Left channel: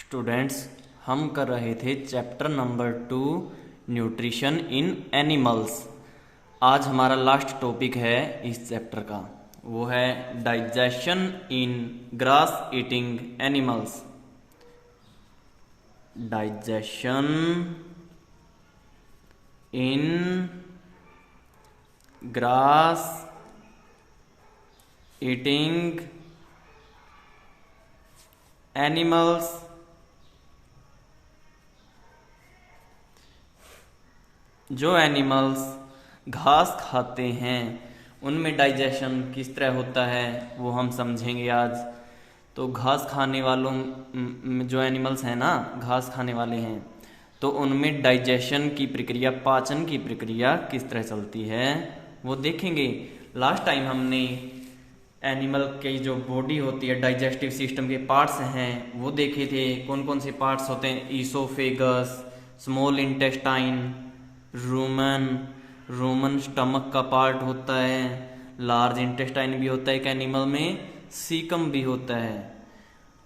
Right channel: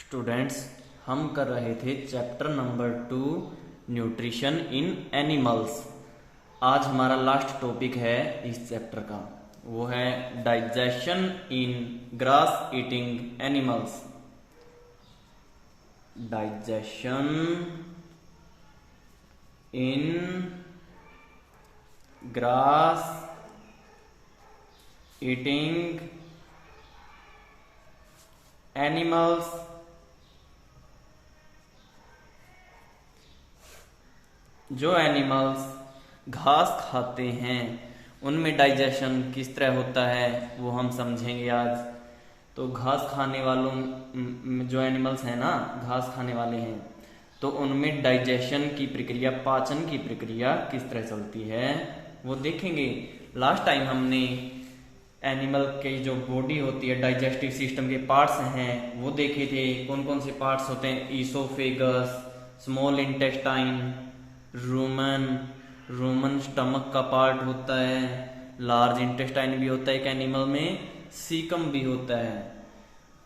Students, हम कर रहे थे chapter number 2 nutrition in animals. आज हमारा लास्ट टॉपिक है इस चैप्टर का, वो है डाइजेशन इन ग्रास ईटिंग एनिमल्स। डाइजेशन इन ग्रास ईटिंग एनिमल्स। जो एनिमल्स घास खाते हैं उनमें डाइजेशन किस तरह होता है वो हम समझेंगे आज। तो घास खाने वालों जो एनिमल्स हैं ना, घास खाने वाले हैं, तो उनमें डाइजेशन की प्रक्रिया, पाचन की प्रक्रिया किस तरह चलती है वो देखेंगे। लास्ट टाइम हमने एनिमल की जो बॉडी होती है, डाइजेस्टिव सिस्टम के पार्ट्स हैं वो देखे थे। कौन कौन से पार्ट्स होते हैं? Oesophagus, small intestine, Roman stomach का पार्ट होता है, लार्ज इंटेस्टाइन भी होता है एक एनिमल में, सीकम भी होता है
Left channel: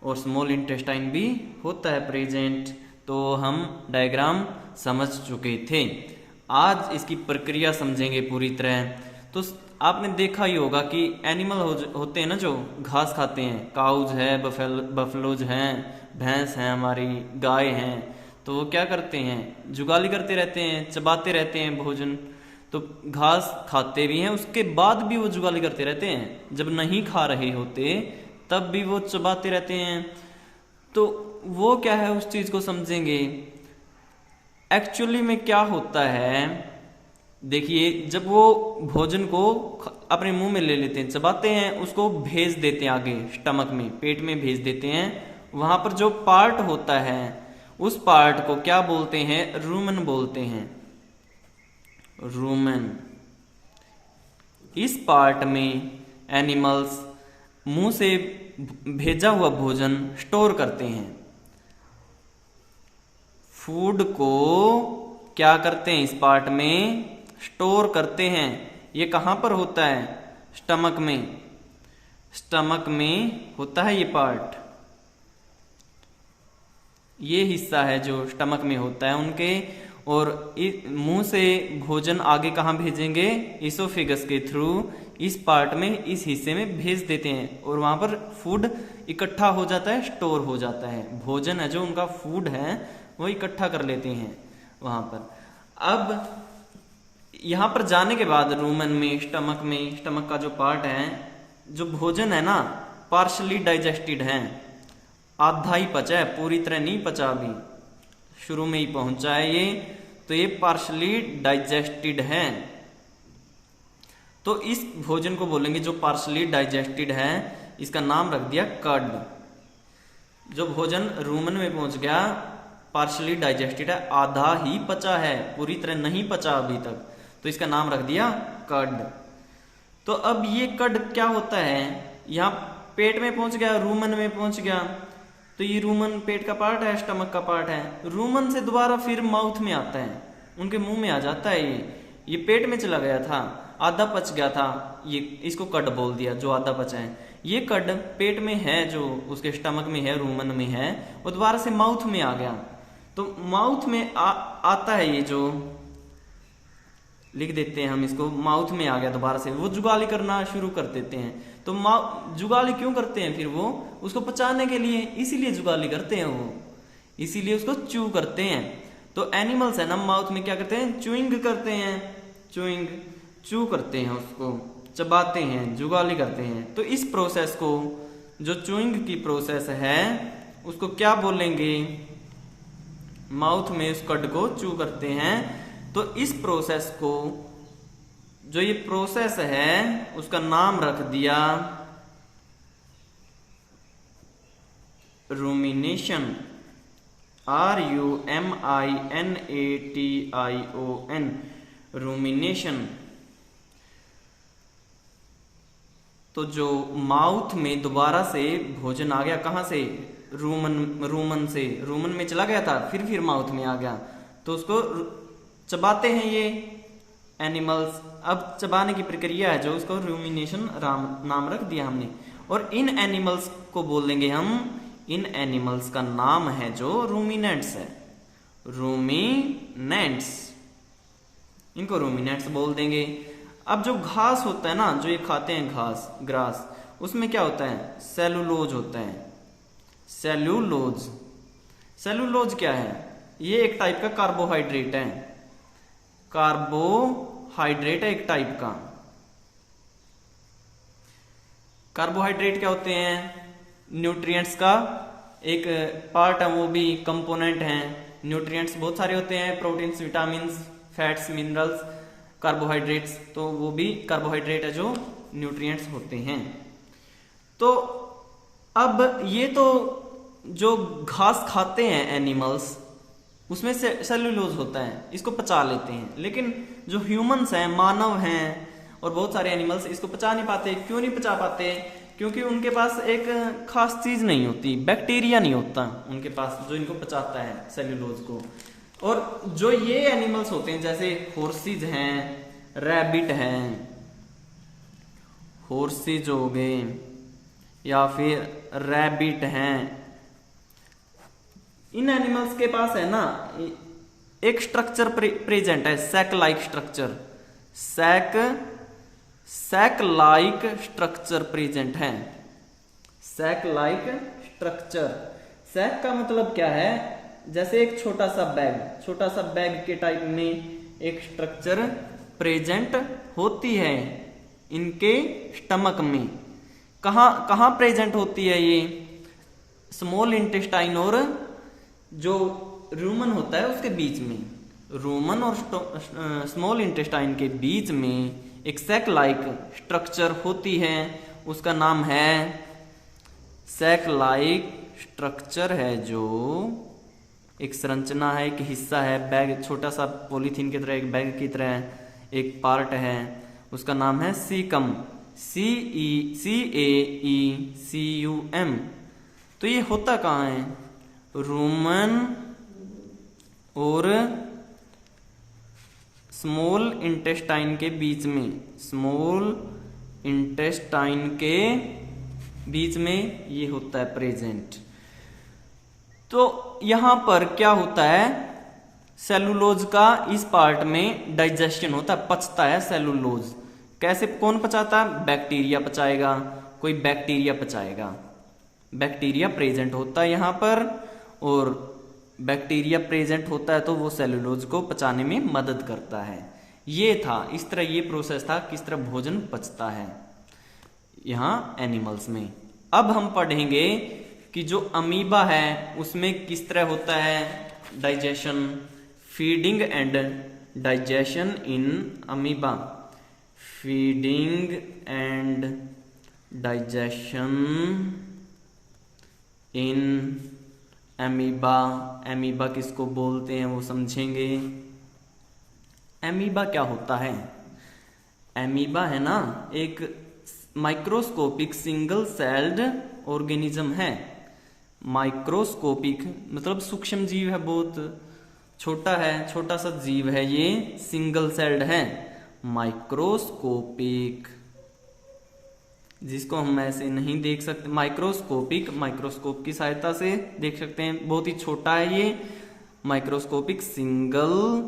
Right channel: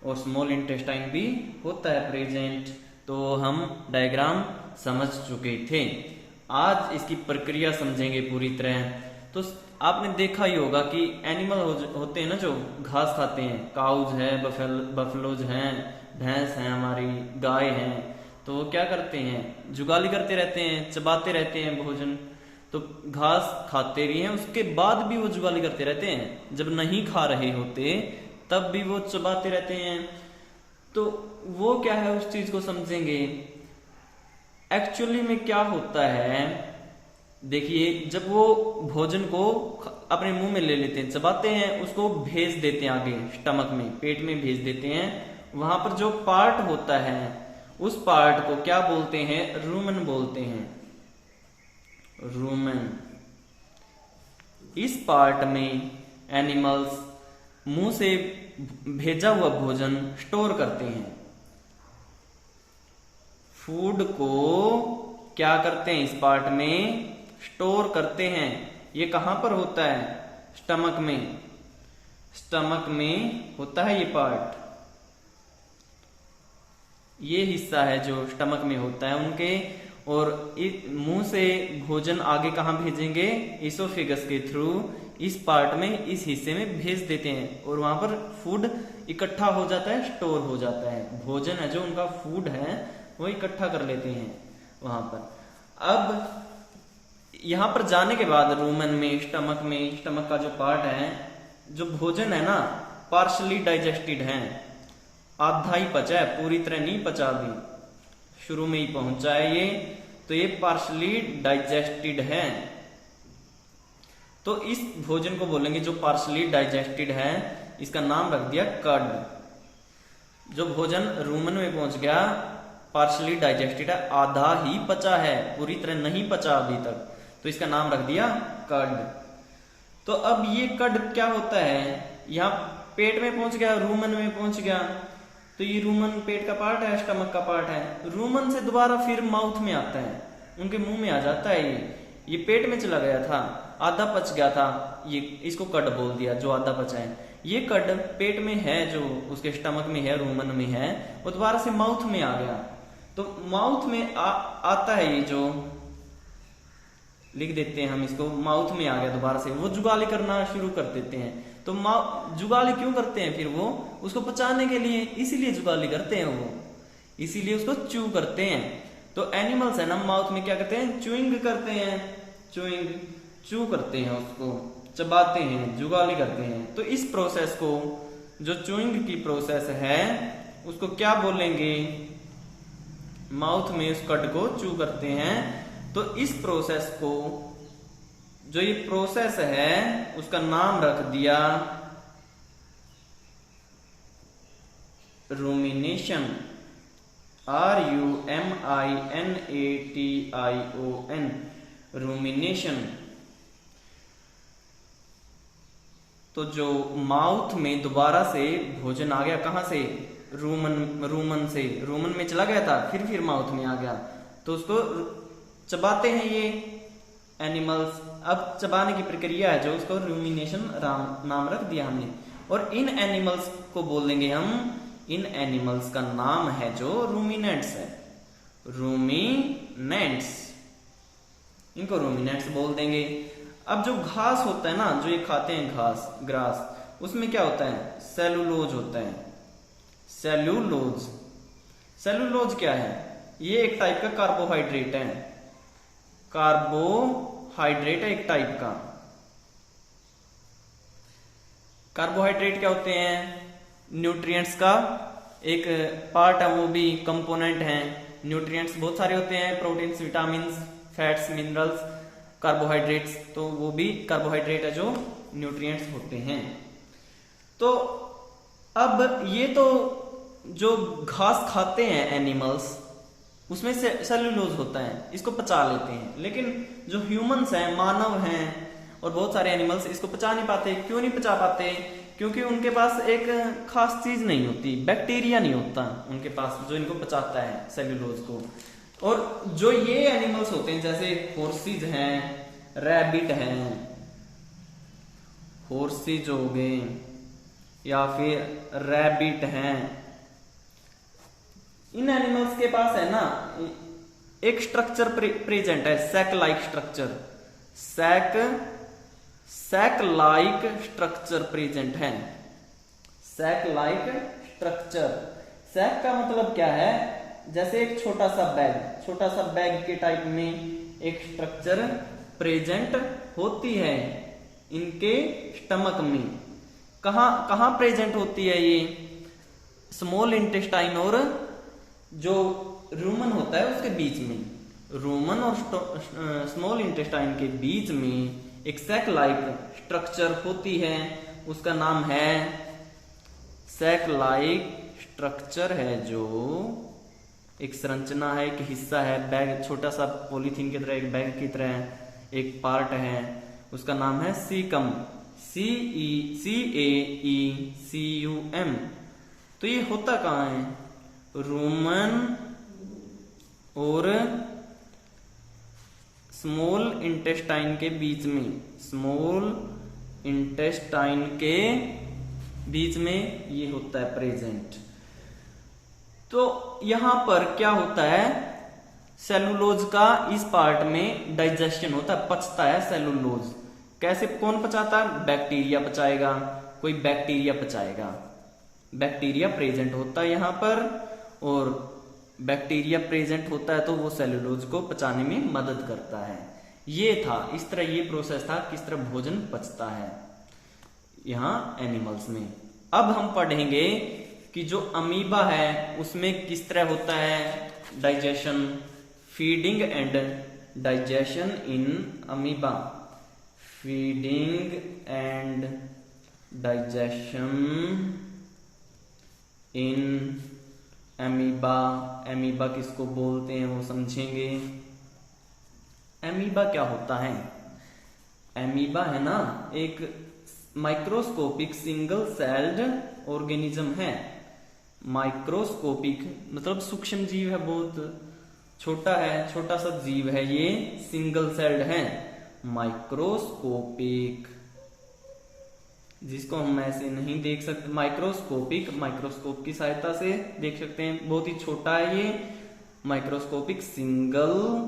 और स्मॉल इंटेस्टाइन भी होता है प्रेजेंट। तो हम डायग्राम समझ चुके थे। आज इसकी प्रक्रिया समझेंगे पूरी तरह। तो आपने देखा ही होगा कि एनिमल होते हैं ना जो घास खाते हैं, काउज है, बफलोज हैं, भैंस हैं, हमारी गाय हैं, तो वो क्या करते हैं? जुगाली करते रहते हैं, चबाते रहते हैं भोजन। तो घास खाते भी हैं, उसके बाद भी वो जुगाली करते रहते हैं। जब नहीं खा रहे होते तब भी वो चबाते रहते हैं। तो वो क्या है, उस चीज को समझेंगे। एक्चुअली में क्या होता है, देखिए, जब वो भोजन को अपने मुंह में ले लेते हैं, चबाते हैं, उसको भेज देते हैं आगे स्टमक में, पेट में भेज देते हैं। वहां पर जो पार्ट होता है उस पार्ट को क्या बोलते हैं? रूमेन बोलते हैं। रूमेन। इस पार्ट में एनिमल्स मुंह से भेजा हुआ भोजन स्टोर करते हैं। फूड को क्या करते हैं? इस पार्ट में स्टोर करते हैं। ये कहां पर होता है? स्टमक में। स्टमक में होता है ये पार्ट। ये हिस्सा है जो स्टमक में होता है उनके। और मुंह से भोजन आगे कहां भेजेंगे? इसोफेगस के थ्रू इस पार्ट में, इस हिस्से में भेज देते हैं और वहां पर फूड इकट्ठा हो जाता है, स्टोर हो जाता है। भोजन है जो उनका फूड है वो इकट्ठा कर लेते हैं वहां पर। अब यहां पर जाने के बाद रूमन में, स्टमक का जो पार्ट है, जो भोजन है ना, पार्शली डाइजेस्टेड है, आधा ही पचा है, पूरी तरह नहीं पचा, अभी शुरू में ही पहुंचा है ये। तो ये पार्शली डाइजेस्टेड है। तो इस भोजन को बोलेंगे जो पार्शली डाइजेस्टेड है, इसका नाम रख दिया कर्ड। जो भोजन रूमन में पहुंच गया, पार्शली डाइजेस्टेड है, आधा ही पचा है, पूरी तरह नहीं पचा अभी तक, तो इसका नाम रख दिया कर्ड। तो अब ये कर्ड क्या होता है? यहां पेट में पहुंच गया, रूमन में पहुंच गया, तो ये रूमन पेट का पार्ट है, स्टमक का पार्ट है। रूमन से दोबारा फिर माउथ में आता है, उनके मुंह में आ जाता है। ये पेट में चला गया था, आधा पच गया था, ये इसको कड बोल दिया, जो आधा पचा है। ये कड पेट में है, जो उसके स्टमक में है, रूमन में है, वो दोबारा से माउथ में आ गया। तो माउथ में आता है, ये जो लिख देते हैं हम इसको, माउथ में आ गया दोबारा से, वो जुगाली करना शुरू कर देते हैं। तो जुगाली क्यों करते हैं? फिर वो उसको पचाने के लिए, इसीलिए जुगाली करते हैं वो, इसीलिए उसको च्यू करते हैं। तो एनिमल्स है ना, माउथ में क्या करते हैं? च्यूइंग करते हैं, च्यू करते हैं, उसको चबाते हैं, जुगाली करते हैं। तो इस प्रोसेस को, जो च्यूइंग की प्रोसेस है, उसको क्या बोलेंगे? माउथ में उस कड को च्यू करते हैं। तो इस प्रोसेस को, जो ये प्रोसेस है, उसका नाम रख दिया रूमिनेशन। RUMINATION, rumination. तो जो माउथ में दोबारा से भोजन आ गया, कहां से? रूमन से, रूमन में चला गया था, फिर माउथ में आ गया, तो उसको चबाते हैं ये एनिमल्स। अब चबाने की प्रक्रिया है जो, उसको रूमिनेशन नाम रख दिया हमने। और इन एनिमल्स को बोल देंगे हम इन एनिमल्स का नाम है जो रूमिनेंट्स है, रूमिनेंट्स, इनको रूमिनेंट्स बोल देंगे। अब जो घास होता है ना, जो ये खाते हैं घास, ग्रास, उसमें क्या होता है, सेलुलोज होता है, सेल्यूलोज। सेल्यूलोज क्या है, ये एक टाइप का कार्बोहाइड्रेट है, कार्बोहाइड्रेट है एक टाइप का। कार्बोहाइड्रेट क्या होते हैं, न्यूट्रिएंट्स का एक पार्ट है, वो भी कंपोनेंट है। न्यूट्रिएंट्स बहुत सारे होते हैं, proteins, vitamins, fats, minerals, carbohydrates, तो वो भी कार्बोहाइड्रेट है जो न्यूट्रिएंट्स होते हैं। तो अब ये तो जो घास खाते हैं एनिमल्स, उसमें से सेल्यूलोज होता है, इसको पचा लेते हैं। लेकिन जो ह्यूमंस हैं, मानव हैं, और बहुत सारे एनिमल्स इसको पचा नहीं पाते। क्यों नहीं पचा पाते, क्योंकि उनके पास एक खास चीज नहीं होती, बैक्टीरिया नहीं होता उनके पास जो इनको पचाता है सेल्यूलोज को। और जो ये एनिमल्स होते हैं, जैसे हॉर्सेज हैं, रैबिट हैं, हॉर्सेज हो गए या फिर रैबिट हैं, इन एनिमल्स के पास है ना एक स्ट्रक्चर प्रेजेंट है, sac like structure, sac like structure present है, सैक लाइक स्ट्रक्चर। सैक का मतलब क्या है, जैसे एक छोटा सा बैग के टाइप में एक स्ट्रक्चर प्रेजेंट होती है इनके स्टमक में। कहां प्रेजेंट होती है ये, स्मॉल इंटेस्टाइन और जो रूमन होता है उसके बीच में, रूमन और स्मॉल इंटेस्टाइन के बीच में एक सैक लाइक स्ट्रक्चर होती है, उसका नाम है सैक लाइक स्ट्रक्चर है, जो एक संरचना है, एक हिस्सा है, बैग, छोटा सा पॉलीथीन की तरह, एक बैग की तरह एक पार्ट है, उसका नाम है सीकम, CAECUM। तो ये होता कहाँ है, रूमन और स्मॉल इंटेस्टाइन के बीच में, स्मॉल इंटेस्टाइन के बीच में ये होता है प्रेजेंट। तो यहां पर क्या होता है, सेलुलोज का इस पार्ट में डाइजेशन होता है, पचता है सेलुलोज। कैसे, कौन पचाता है, बैक्टीरिया पचाएगा, कोई बैक्टीरिया पचाएगा, बैक्टीरिया प्रेजेंट होता है यहां पर, और बैक्टीरिया प्रेजेंट होता है तो वो सेलुलोज को पचाने में मदद करता है। ये था, इस तरह ये प्रोसेस था, किस तरह भोजन पचता है यहां एनिमल्स में। अब हम पढ़ेंगे कि जो अमीबा है उसमें किस तरह होता है digestion, feeding and digestion in amoeba, feeding and digestion in amoeba. Amoeba किसको बोलते हैं वो समझेंगे। एमीबा क्या होता है, एमीबा है ना एक माइक्रोस्कोपिक सिंगल सेल्ड ऑर्गेनिज्म है। माइक्रोस्कोपिक मतलब सूक्ष्म जीव है, बहुत छोटा है, छोटा सा जीव है ये, सिंगल सेल्ड है। माइक्रोस्कोपिक, जिसको हम ऐसे नहीं देख सकते, माइक्रोस्कोपिक, माइक्रोस्कोप की सहायता से देख सकते हैं, बहुत ही छोटा है ये। माइक्रोस्कोपिक सिंगल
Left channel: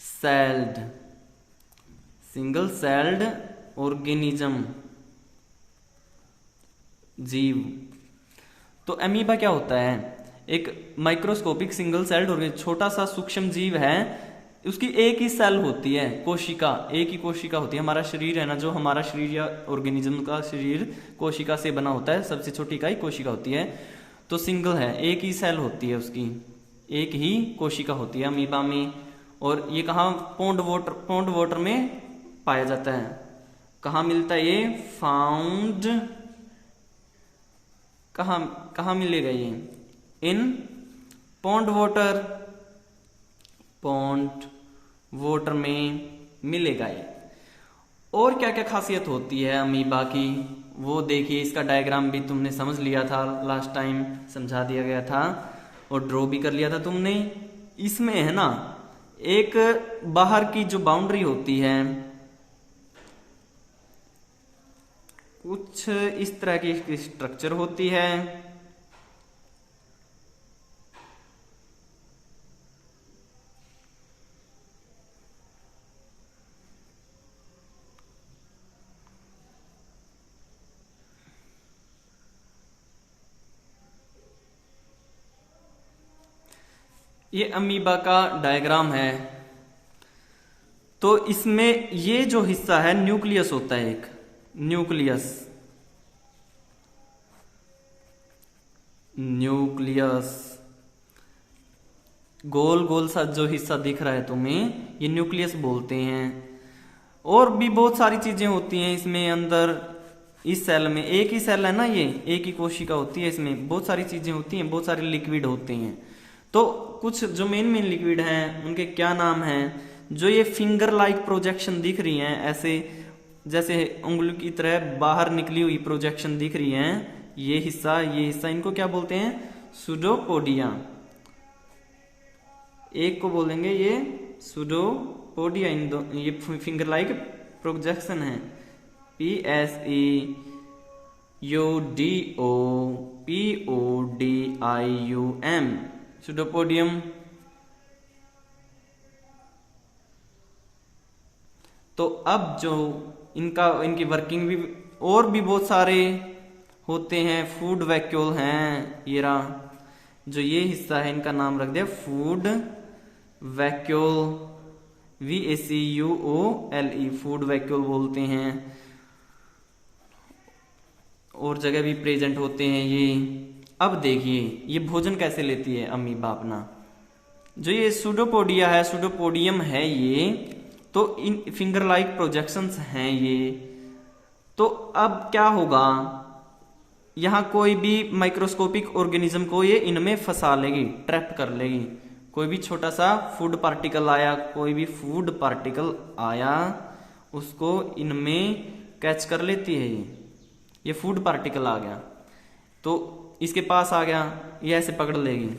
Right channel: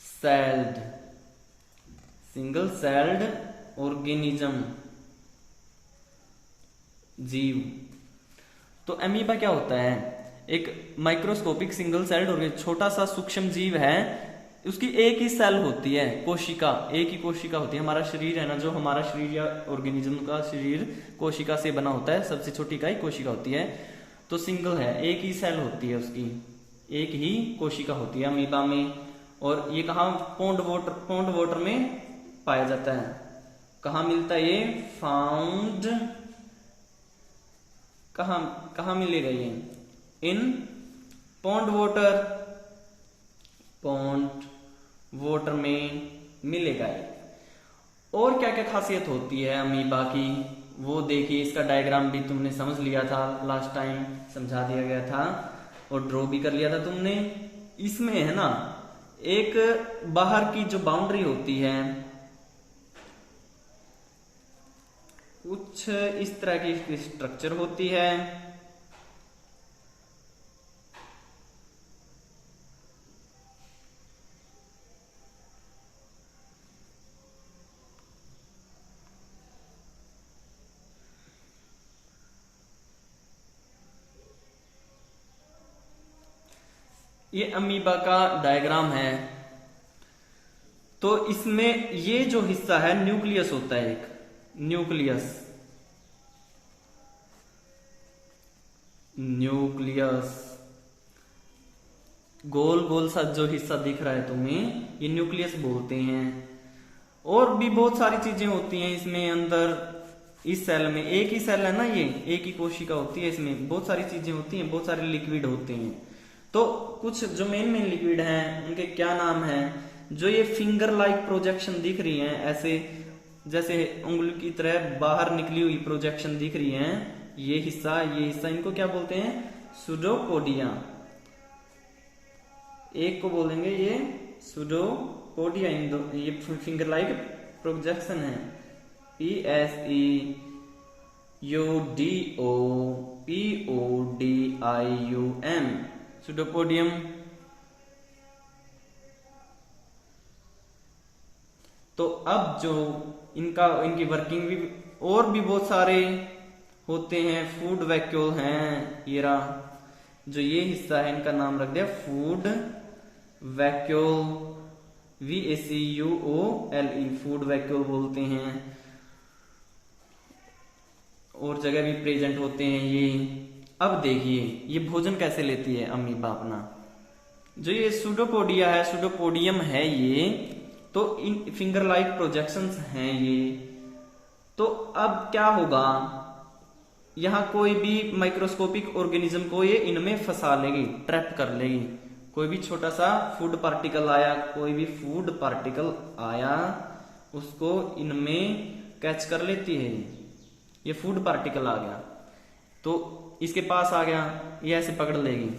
सेल्ड ऑर्गेनिज्म, जीव। तो एमीबा क्या होता है, एक माइक्रोस्कोपिक सिंगल सेल्ड ऑर्गेनिज्म, छोटा सा सूक्ष्म जीव है, उसकी एक ही सेल होती है, कोशिका, एक ही कोशिका होती है। हमारा शरीर है ना, जो हमारा शरीर या ऑर्गेनिज्म का शरीर कोशिका से बना होता है, सबसे छोटी इकाई कोशिका होती है। तो सिंगल है, एक ही सेल होती है उसकी, एक ही कोशिका होती है अमीबा में। और ये कहाँ, पौंड वाटर में पाया जाता है। कहाँ मिलता है ये, फाउंड, कहाँ मिलेगा ये, इन पौंड वाटर में मिलेगा ये। और क्या क्या खासियत होती है अमीबा की वो देखिए, इसका डायग्राम भी तुमने समझ लिया था, लास्ट टाइम समझा दिया गया था और ड्रॉ भी कर लिया था तुमने। इसमें है ना एक बाहर की जो बाउंड्री होती है, कुछ इस तरह की स्ट्रक्चर होती है, ये अमीबा का डायग्राम है। तो इसमें ये जो हिस्सा है न्यूक्लियस होता है, एक न्यूक्लियस, गोल गोल सा जो हिस्सा दिख रहा है तुम्हें, ये न्यूक्लियस बोलते हैं। और भी बहुत सारी चीजें होती हैं इसमें अंदर। इस सेल में, एक ही सेल है ना, ये एक ही कोशिका होती है, इसमें बहुत सारी चीजें होती हैं, बहुत सारे लिक्विड होते हैं। तो कुछ जो मेन मेन लिक्विड हैं उनके क्या नाम हैं? जो ये फिंगर लाइक प्रोजेक्शन दिख रही हैं, ऐसे जैसे उंगली की तरह बाहर निकली हुई प्रोजेक्शन दिख रही हैं, ये हिस्सा इनको क्या बोलते हैं? सूडोपोडिया। एक को बोलेंगे ये सूडोपोडिया, ये फिंगर लाइक प्रोजेक्शन है। PSEUDOPODIUM, pseudopodium. तो अब जो इनकी वर्किंग भी और भी बहुत सारे होते हैं। फूड वैक्यूल हैं, ये रहा जो ये हिस्सा है, इनका नाम रख दिया food vacuole, VACUOLE, food vacuole बोलते हैं। और जगह भी प्रेजेंट होते हैं ये। अब देखिए ये भोजन कैसे लेती है अमीबा अपना। जो ये सूडोपोडिया है, सूडोपोडियम है ये, तो इन फिंगर लाइक प्रोजेक्शंस हैं ये। तो अब क्या होगा, यहां कोई भी माइक्रोस्कोपिक ऑर्गेनिज्म को ये इनमें फंसा लेगी, ट्रैप कर लेगी। कोई भी छोटा सा फूड पार्टिकल आया, उसको इनमें कैच कर लेती है ये फूड पार्टिकल आ गया तो इसके पास आ गया, ये ऐसे पकड़ लेगी,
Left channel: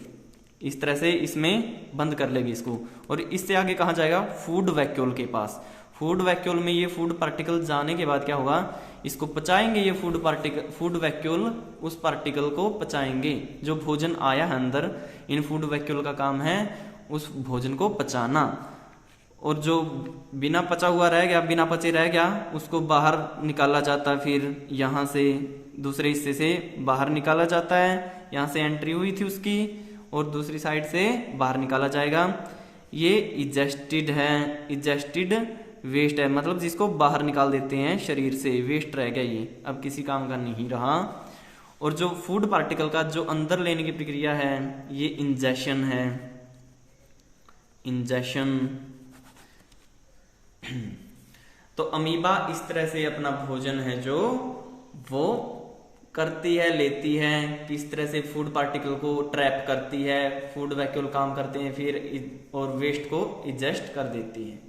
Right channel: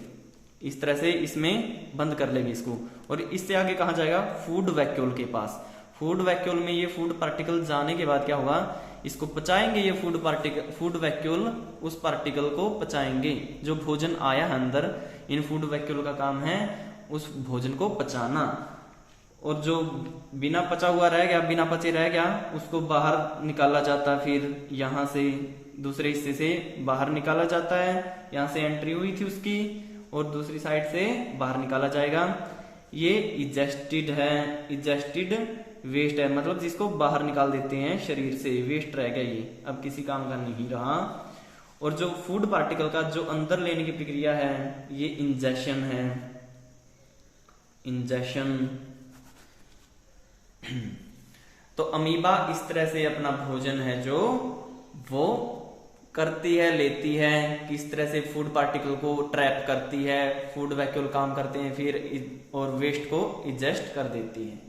इस तरह से इसमें बंद कर लेगी इसको। और इससे आगे कहाँ जाएगा? फूड वैक्यूल के पास। फूड वैक्यूल में ये फूड पार्टिकल जाने के बाद क्या होगा, इसको पचाएंगे ये फूड वैक्यूल उस पार्टिकल को पचाएंगे। जो भोजन आया है अंदर, इन फूड वैक्यूल का काम है उस भोजन को पचाना। और जो बिना पचा हुआ रह गया, बिना पचे रह गया, उसको बाहर निकाला जाता है। फिर यहाँ से दूसरे हिस्से से बाहर निकाला जाता है, यहाँ से एंट्री हुई थी उसकी, और दूसरी साइड से बाहर निकाला जाएगा। ये इजेस्टेड है, इजेस्टेड वेस्ट है, मतलब जिसको बाहर निकाल देते हैं शरीर से, वेस्ट रह गया ये, अब किसी काम का नहीं रहा। और जो फूड पार्टिकल का जो अंदर लेने की प्रक्रिया है, ये इंजेशन है, इंजेशन। तो अमीबा इस तरह से अपना भोजन है जो वो करती है, लेती है, किस तरह से फूड पार्टिकल को ट्रैप करती है, फूड वैक्यूल काम करते हैं फिर, और वेस्ट को इजेस्ट कर देती है।